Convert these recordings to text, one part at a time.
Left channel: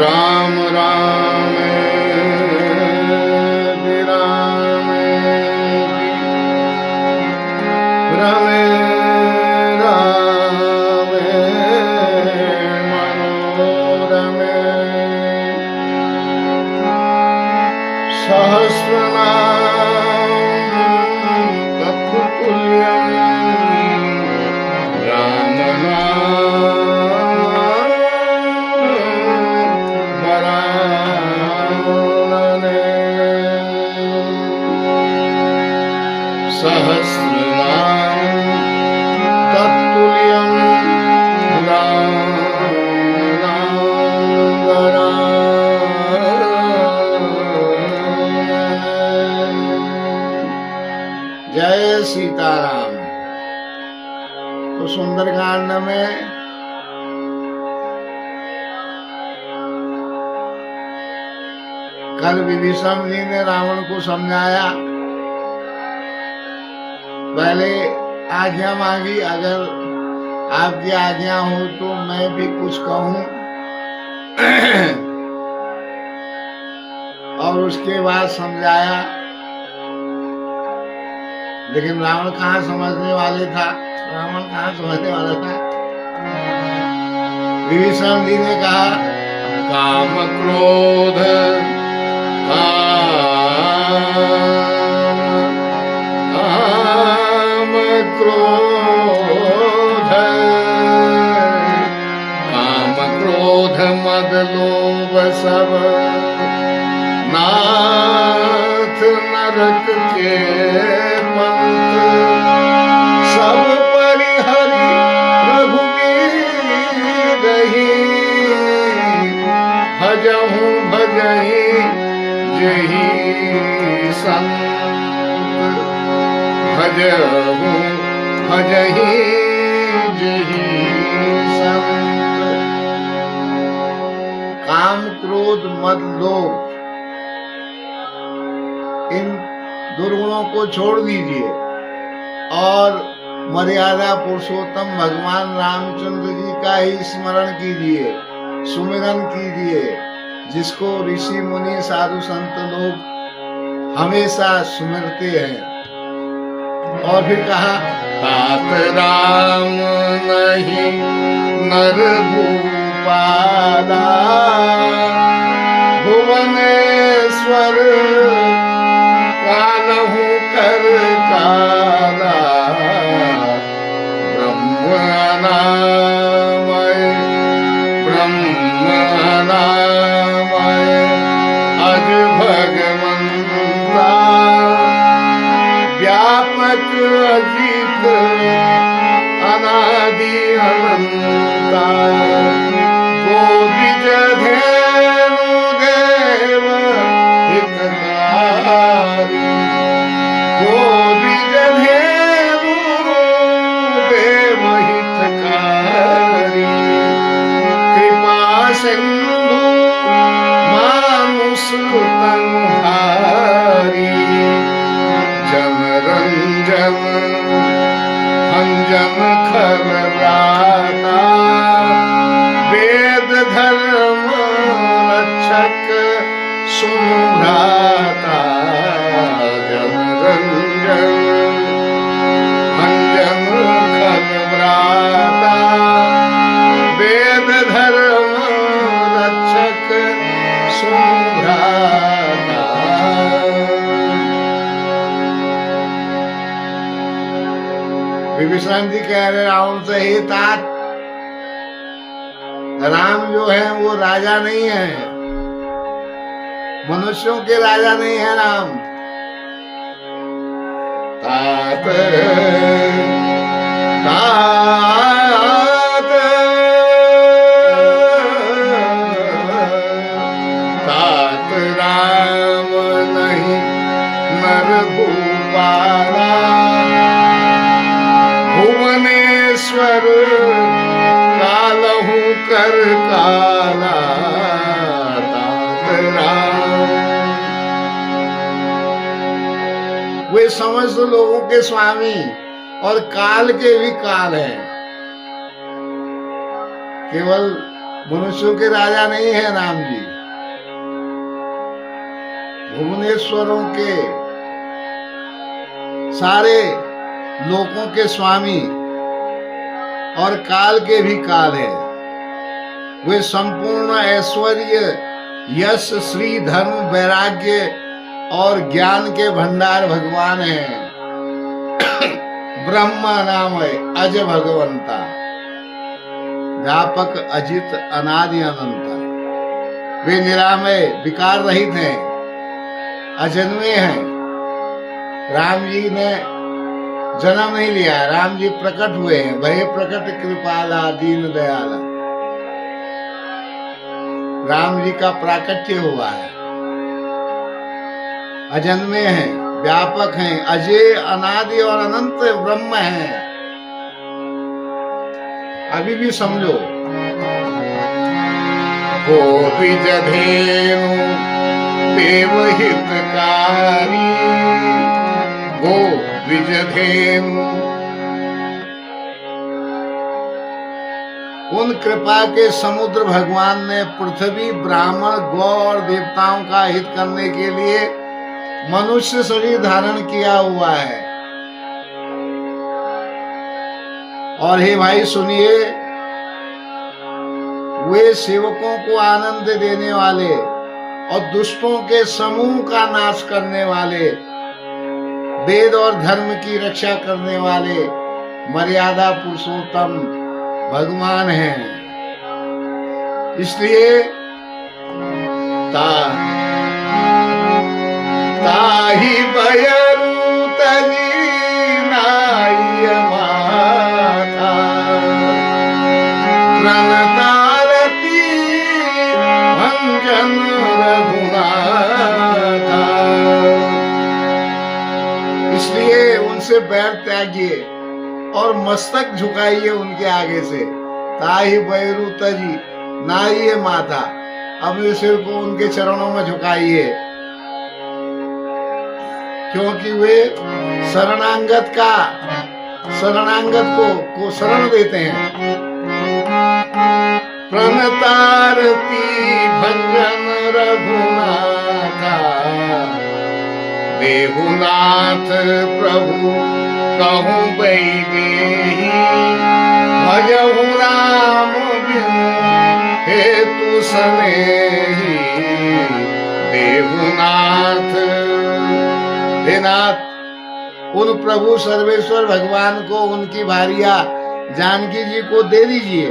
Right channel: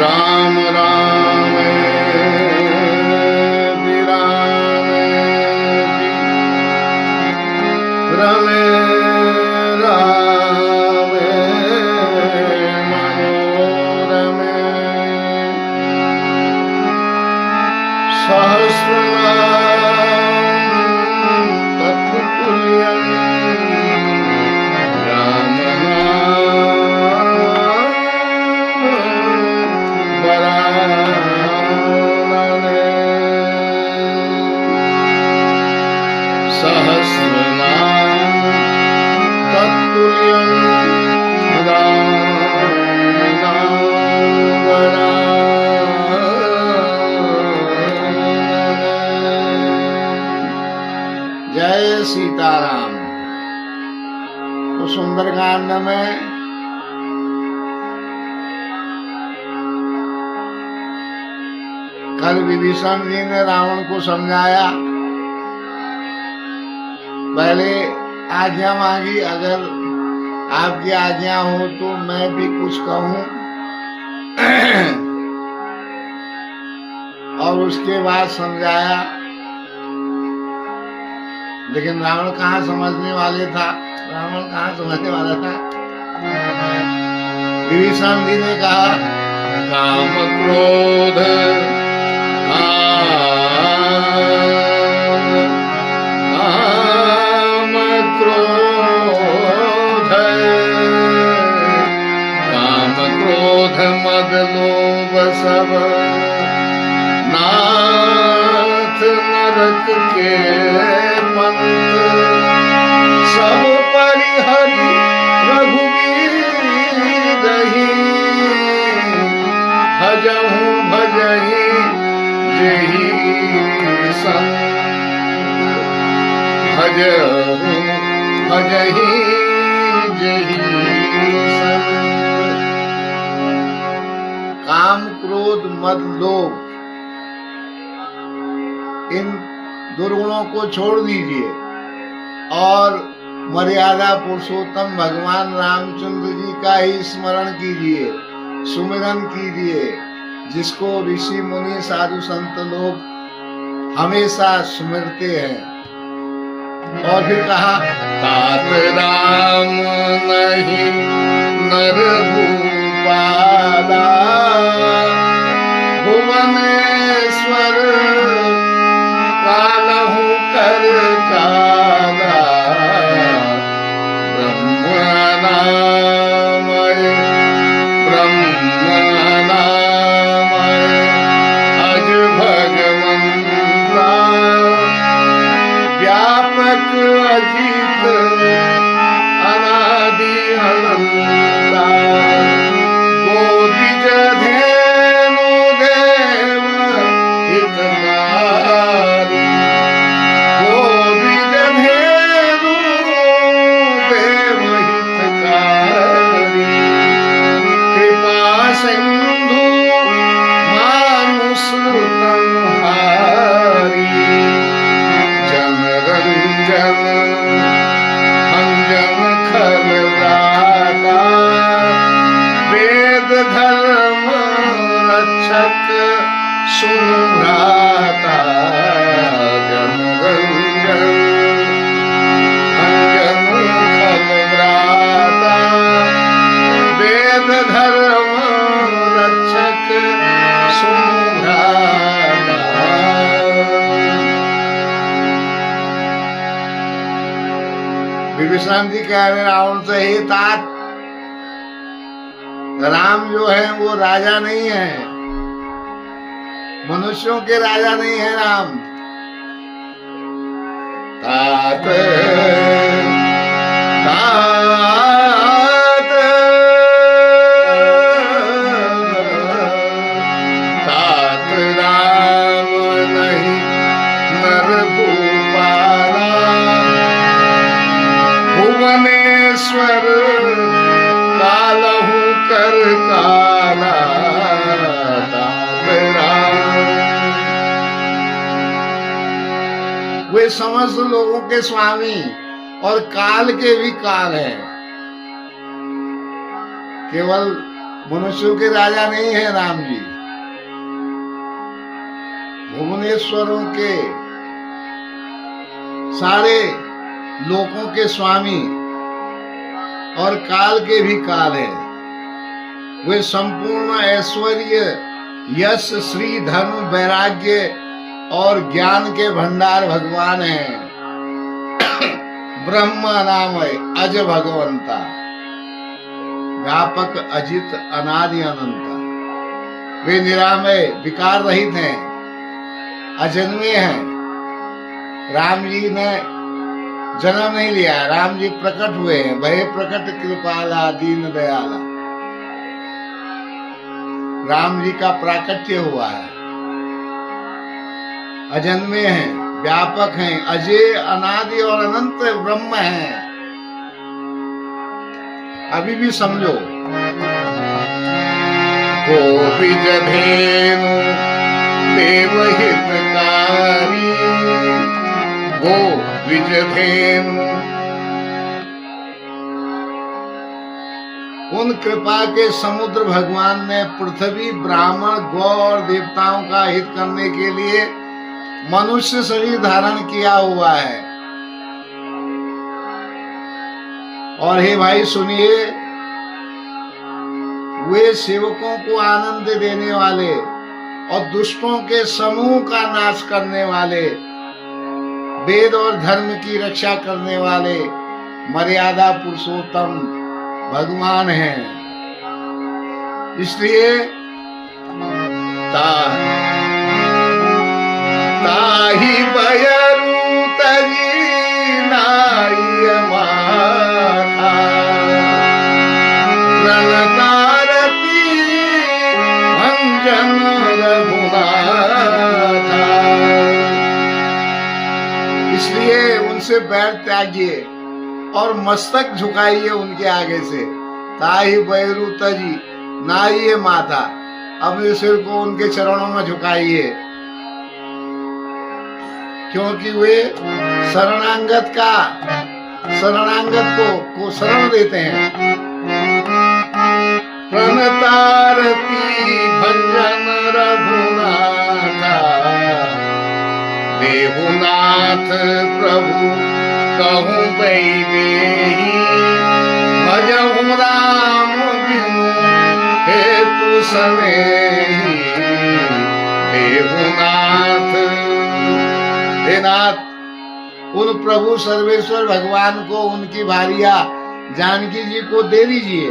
राम राम राम रमे राम मनोरमे सहस्रनाम तत्तुल्यं राम नाम वरानने सहस्रनाम तत्तुल्यं राम नाम वरानने। जय सीताराम। तो सुंदरकांड में कल विभीषण जी ने रावण को समझाया, पहले आज्ञा मांगी, अगर आपकी आज्ञा हो तो मैं भी कुछ कहूं। और उसके बाद समझाया, लेकिन रावण कहाँ समझने वाले था, रावण कहाँ समझने वाला था। विभीषण जी ने कहा, काम क्रोध काम क्रोध मद लोभ सब नाथ नरक के पंथ सब परिहरि रघुवीर रही भजहु भजहि जेहि संत भजहु भजहि जेहि संत। काम क्रोध मद लोभ इन दुर्गुणों को छोड़ दीजिए और मर्यादा पुरुषोत्तम भगवान रामचंद्र जी का ही स्मरण कीजिए, सुमिरन कीजिए, जिसको ऋषि मुनि साधु संत लोग हमेशा सुमिरते हैं। और फिर कहा, तात राम नहीं नर भूपाला भुवनेश्वर कालहु कर काला ब्रह्मनामय अज भगवंता व्यापक अजित अनादि अनंता गोविज धेनु देव हितकारी गोविज धेनु देव हितकारी कृपा सिंधु मानुष तनुहारी जनरंजन भंजन खल व्राता वेद धर्म रक्षक सुन भ्राता जनरंजन भंजन खल व्राता वेद धर्म रक्षक सुन भ्राता। विभीषण जी कह रहे रावण से, हे तात, राम जो है वो राजा नहीं है, मनुष्यों के राजा नहीं है राम। तात तात तात राम नहीं नर भूपाला भुवनेश्वर कालहु कर काला तात राम। वे वे समस्त लोगों के स्वामी और काल के भी काल हैं। केवल मनुष्यों के राजा नहीं है राम जी, भुवनेश्वरों के सारे लोकों के स्वामी और काल के भी काल है। वे संपूर्ण ऐश्वर्य, यश, श्री, धर्म, वैराग्य और ज्ञान के भंडार भगवान हैं। ब्रह्म नाम है अज भगवंता, व्यापक, अजित, अनादि, अनंता। वे निरामय, विकार रहित हैं, अजन्मे हैं। राम जी ने जन्म नहीं लिया, राम जी प्रकट हुए हैं। भय प्रकट कृपाला दीन दयाला, राम जी का प्राकट्य हुआ है। अजन्मे हैं, व्यापक हैं, अजय, अनादि और अनंत ब्रह्म हैं। अभी भी समझो, गोविज धेनु देवहितकारी, गोविज धेनु। उन कृपा के समुद्र भगवान ने पृथ्वी, ब्राह्मण, गौ और देवताओं का हित करने के लिए मनुष्य शरीर धारण किया हुआ है। और हे भाई सुनिए, वे सेवकों को आनंद देने वाले और दुष्टों के समूह का नाश करने वाले, वेद और धर्म की रक्षा करने वाले मर्यादा पुरुषोत्तम भगवान हैं। इसलिए ताही बयरू तजी नाई माथा, प्रणतारती भंजन रघुनाथा। इसलिए उनसे बैर त्यागिए और मस्तक झुकाइए उनके आगे से। ताही बैरू तजी नाई माथा, अपने सिर को उनके चरणों में झुकाइए, क्योंकि वे शरणागत को शरण देते हैं। प्रणतारती भंजन रघुनाथा, देहुनाथ प्रभु कहूँ बैदेही, भजहु राम बिनु हेतु सनेही। देहुनाथ, हे नाथ, उन प्रभु सर्वेश्वर भगवान को उनकी भारिया जानकी जी को दे दीजिए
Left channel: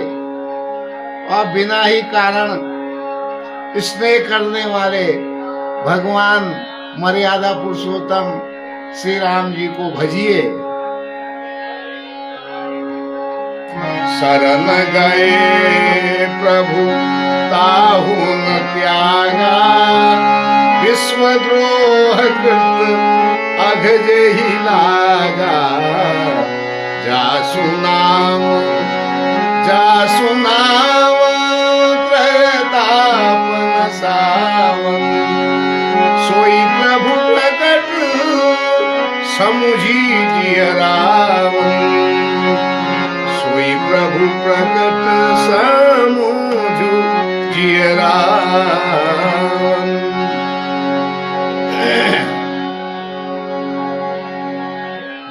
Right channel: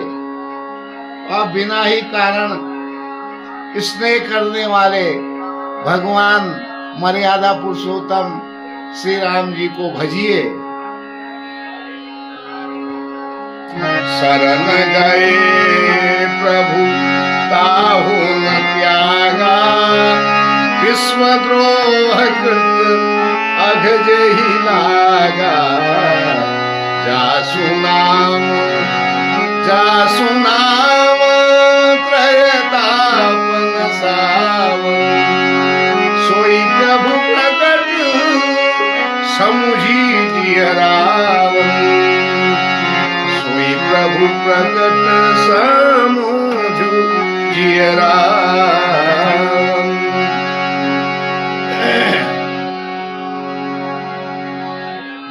और बिना ही कारण स्नेह करने वाले भगवान मर्यादा पुरुषोत्तम श्री राम जी को भजिए। शरण गए प्रभु ताहु न त्यागा, विश्वद्रोह कृत अघज ही लागा। जासु नाम त्रयतापन सावन, सोई प्रभु प्रकट समुझी जिय रावण। सोई प्रभु प्रकट समुझू जिय रावण।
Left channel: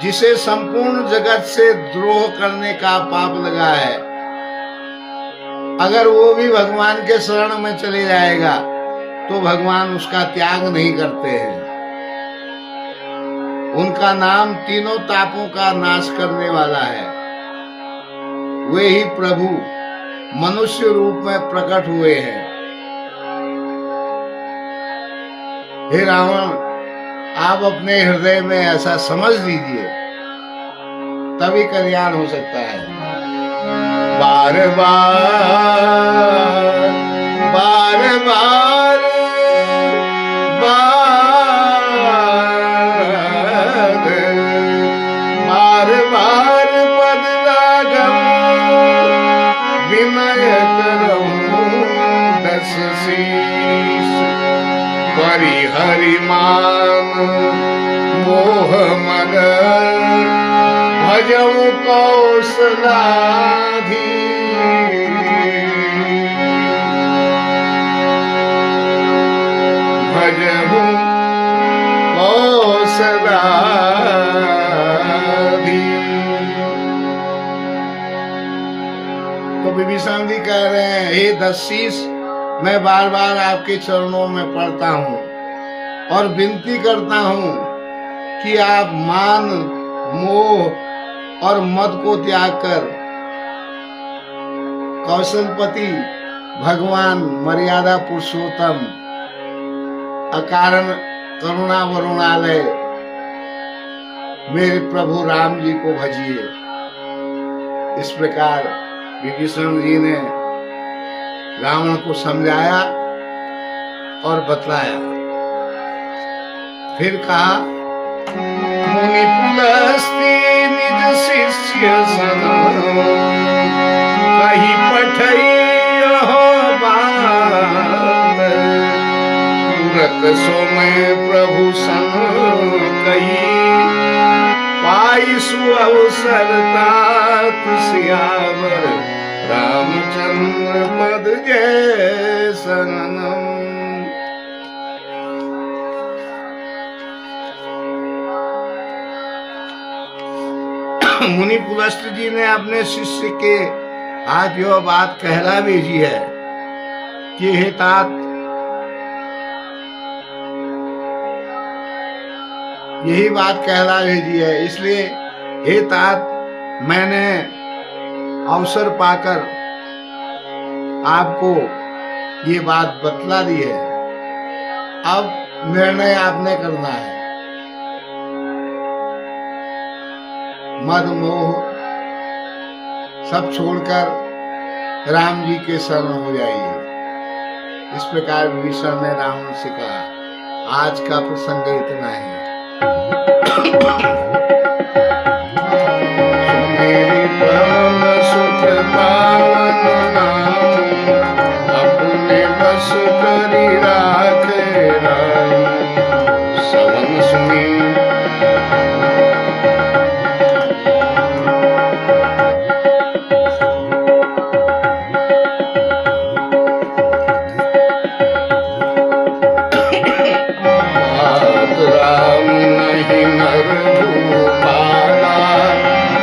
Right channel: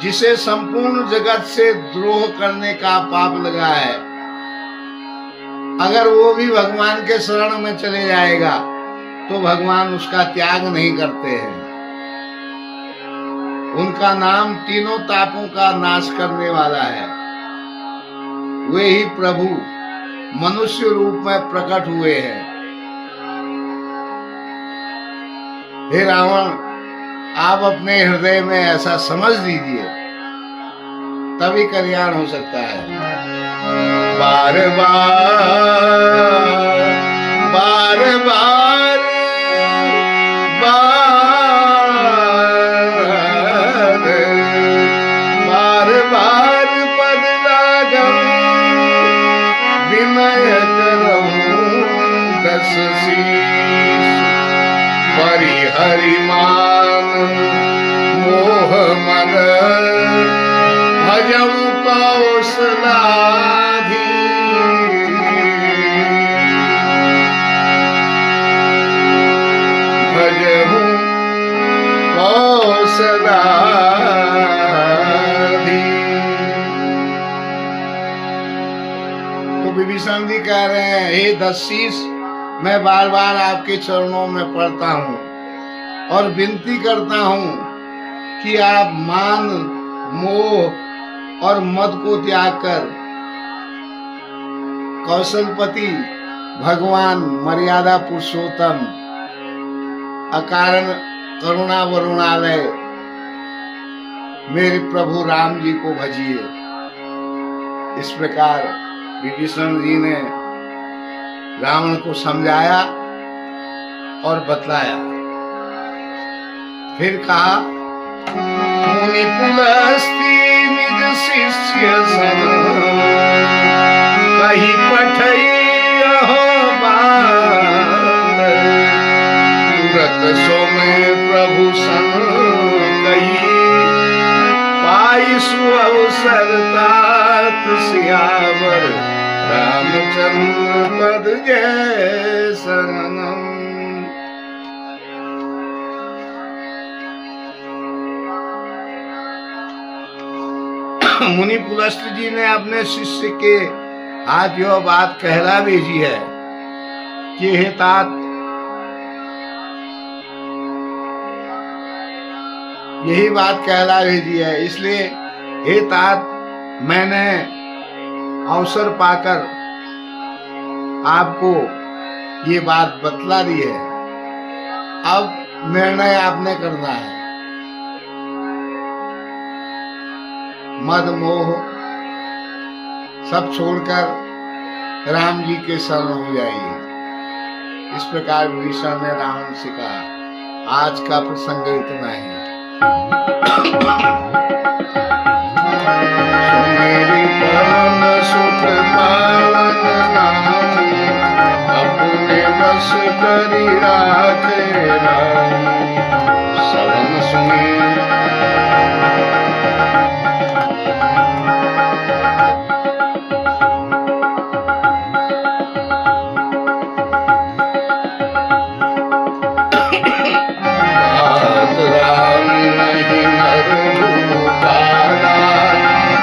जिसे संपूर्ण जगत से द्रोह करने का पाप लगा है, अगर वो भी भगवान के शरण में चले जाएगा तो भगवान उसका त्याग नहीं करते हैं। उनका नाम तीनों तापों का नाश करने वाला है। वे ही प्रभु मनुष्य रूप में प्रकट हुए हैं। हे रावण, आप अपने हृदय में ऐसा समझ लीजिए, तभी कल्याण हो सकता है। बार बार पद लागम, विनय करऊं दस शीश। परिहरिमान मोह मद भजऊ कौशलाधि भजहु कौशलाधि। तो विभीषण जी कह रहे हैं, हे दशीष, मैं बार बार आपके चरणों में पड़ता हूँ और विनती करता हूँ कि आप मान मोह और मद को त्याग कर कौशलपति भगवान मर्यादा पुरुषोत्तम अकारण करुणा वरुणालय मेरे प्रभु राम जी को भजिए। इस प्रकार विभीषण जी ने रावण को समझाया और बतलाया। फिर कहा, मुनि पुलस्त्य निज शिष्य सन कही पठई बात तुरत सो में प्रभु सन कही पाई सुअवसर तात सियावर रामचंद्र पद जय शरणम। मुनि पुलस्त्य जी ने अपने शिष्य के आज यह बात कहला भेजी है कि हे तात, यही बात कहला भेजी है, इसलिए हे तात, मैंने अवसर पाकर आपको ये बात बतला दी है। अब निर्णय आपने करना है। मद मोह सब छोड़कर राम जी के शरण हो जाइए। इस प्रकार विभीषण ने रावण से कहा। आज का प्रसंग इतना ही। मेरी पवन सुख पावन नाम अपने बस करी राखे राम सवन सुनी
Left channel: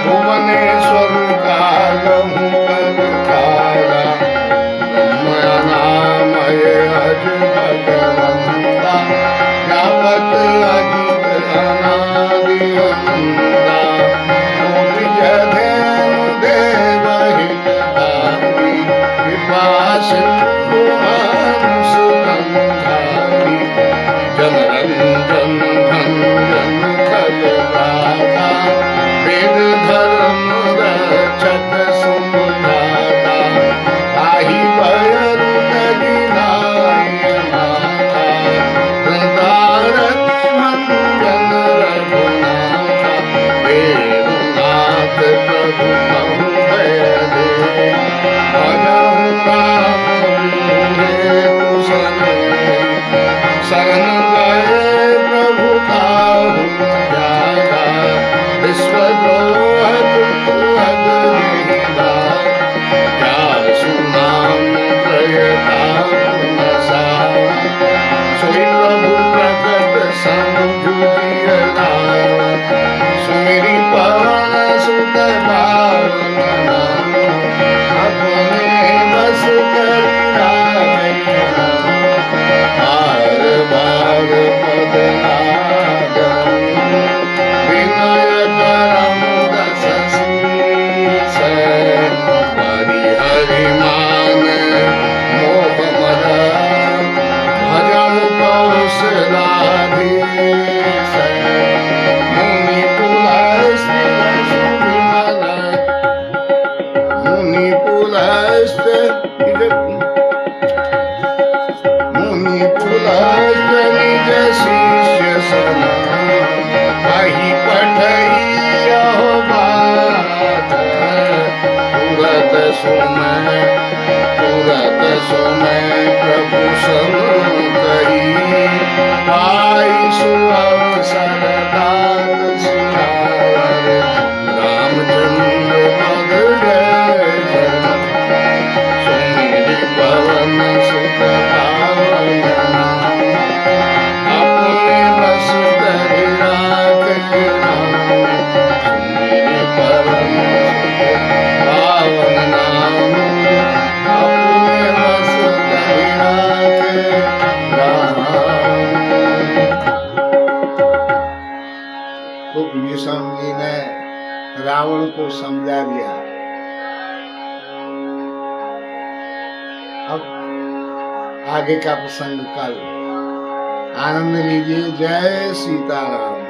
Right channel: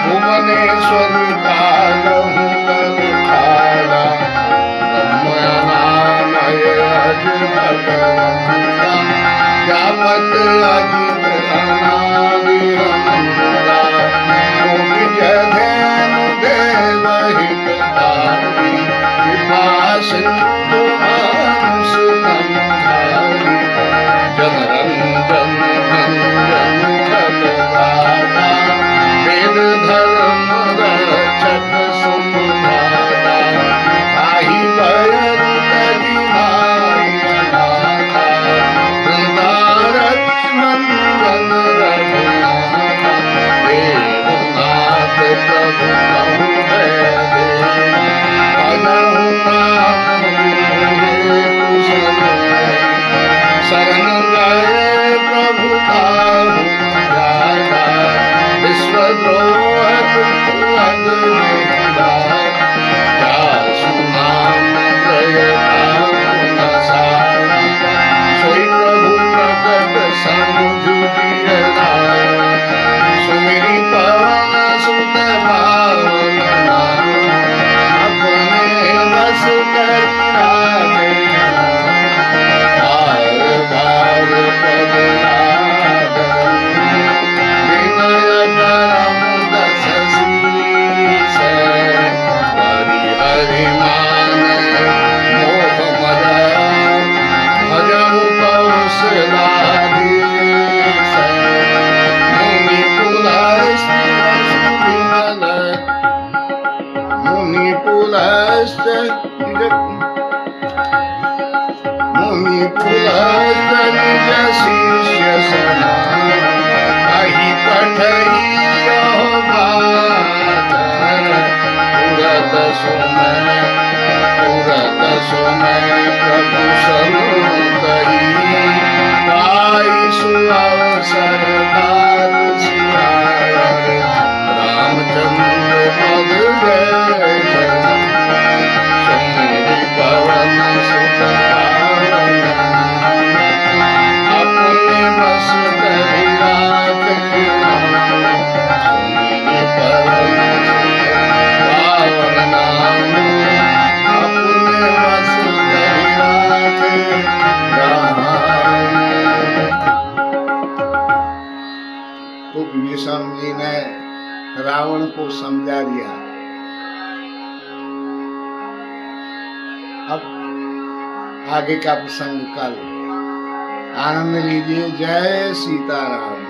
भुवनेश्वर कालहु कर काला ब्रह्मनामय अज भगवंता व्यापक अजित अनादि अनंता विजय धेनु देव हितधारी कृपा सिंधु सुतंधारी जनरंजन भंजन खल राधा वेद धर्म रक्षक सुमधाता ताहि भयरु तजिनाय नाथा वृंदारति भंजन रघुनाथा वेदनाथ प्रभु कहु दे भजहु नाम हेतु शरण गए प्रभु काहु जागा विश्वद्रोह क्या सुनाम प्रयता सोई प्रभु प्रकट समझुजिय सुमिरी पवन सुत पावन अपने बस करी बार बार पद विनय करम दस शीस परिहरिमान मोह मद भजहु कौशलाधीश मुनि पुलस्त्य विमल मुनि पुलस्त्य निज शिष्य सना कही पठई बात तुरत सुमय प्रभु सन कही सरकार सियावर रामचंद्र पद जय जय सुमिरि पवन सुत पावन अपने बस करि राखे राम सुमिरि पवन सुत पावन नाम अपने बस करि राखे राम। तो विभीषण जी ने रावण को समझा दिया। अब आगे का प्रसंग कल। आनंद लीजिए। जय सीताराम।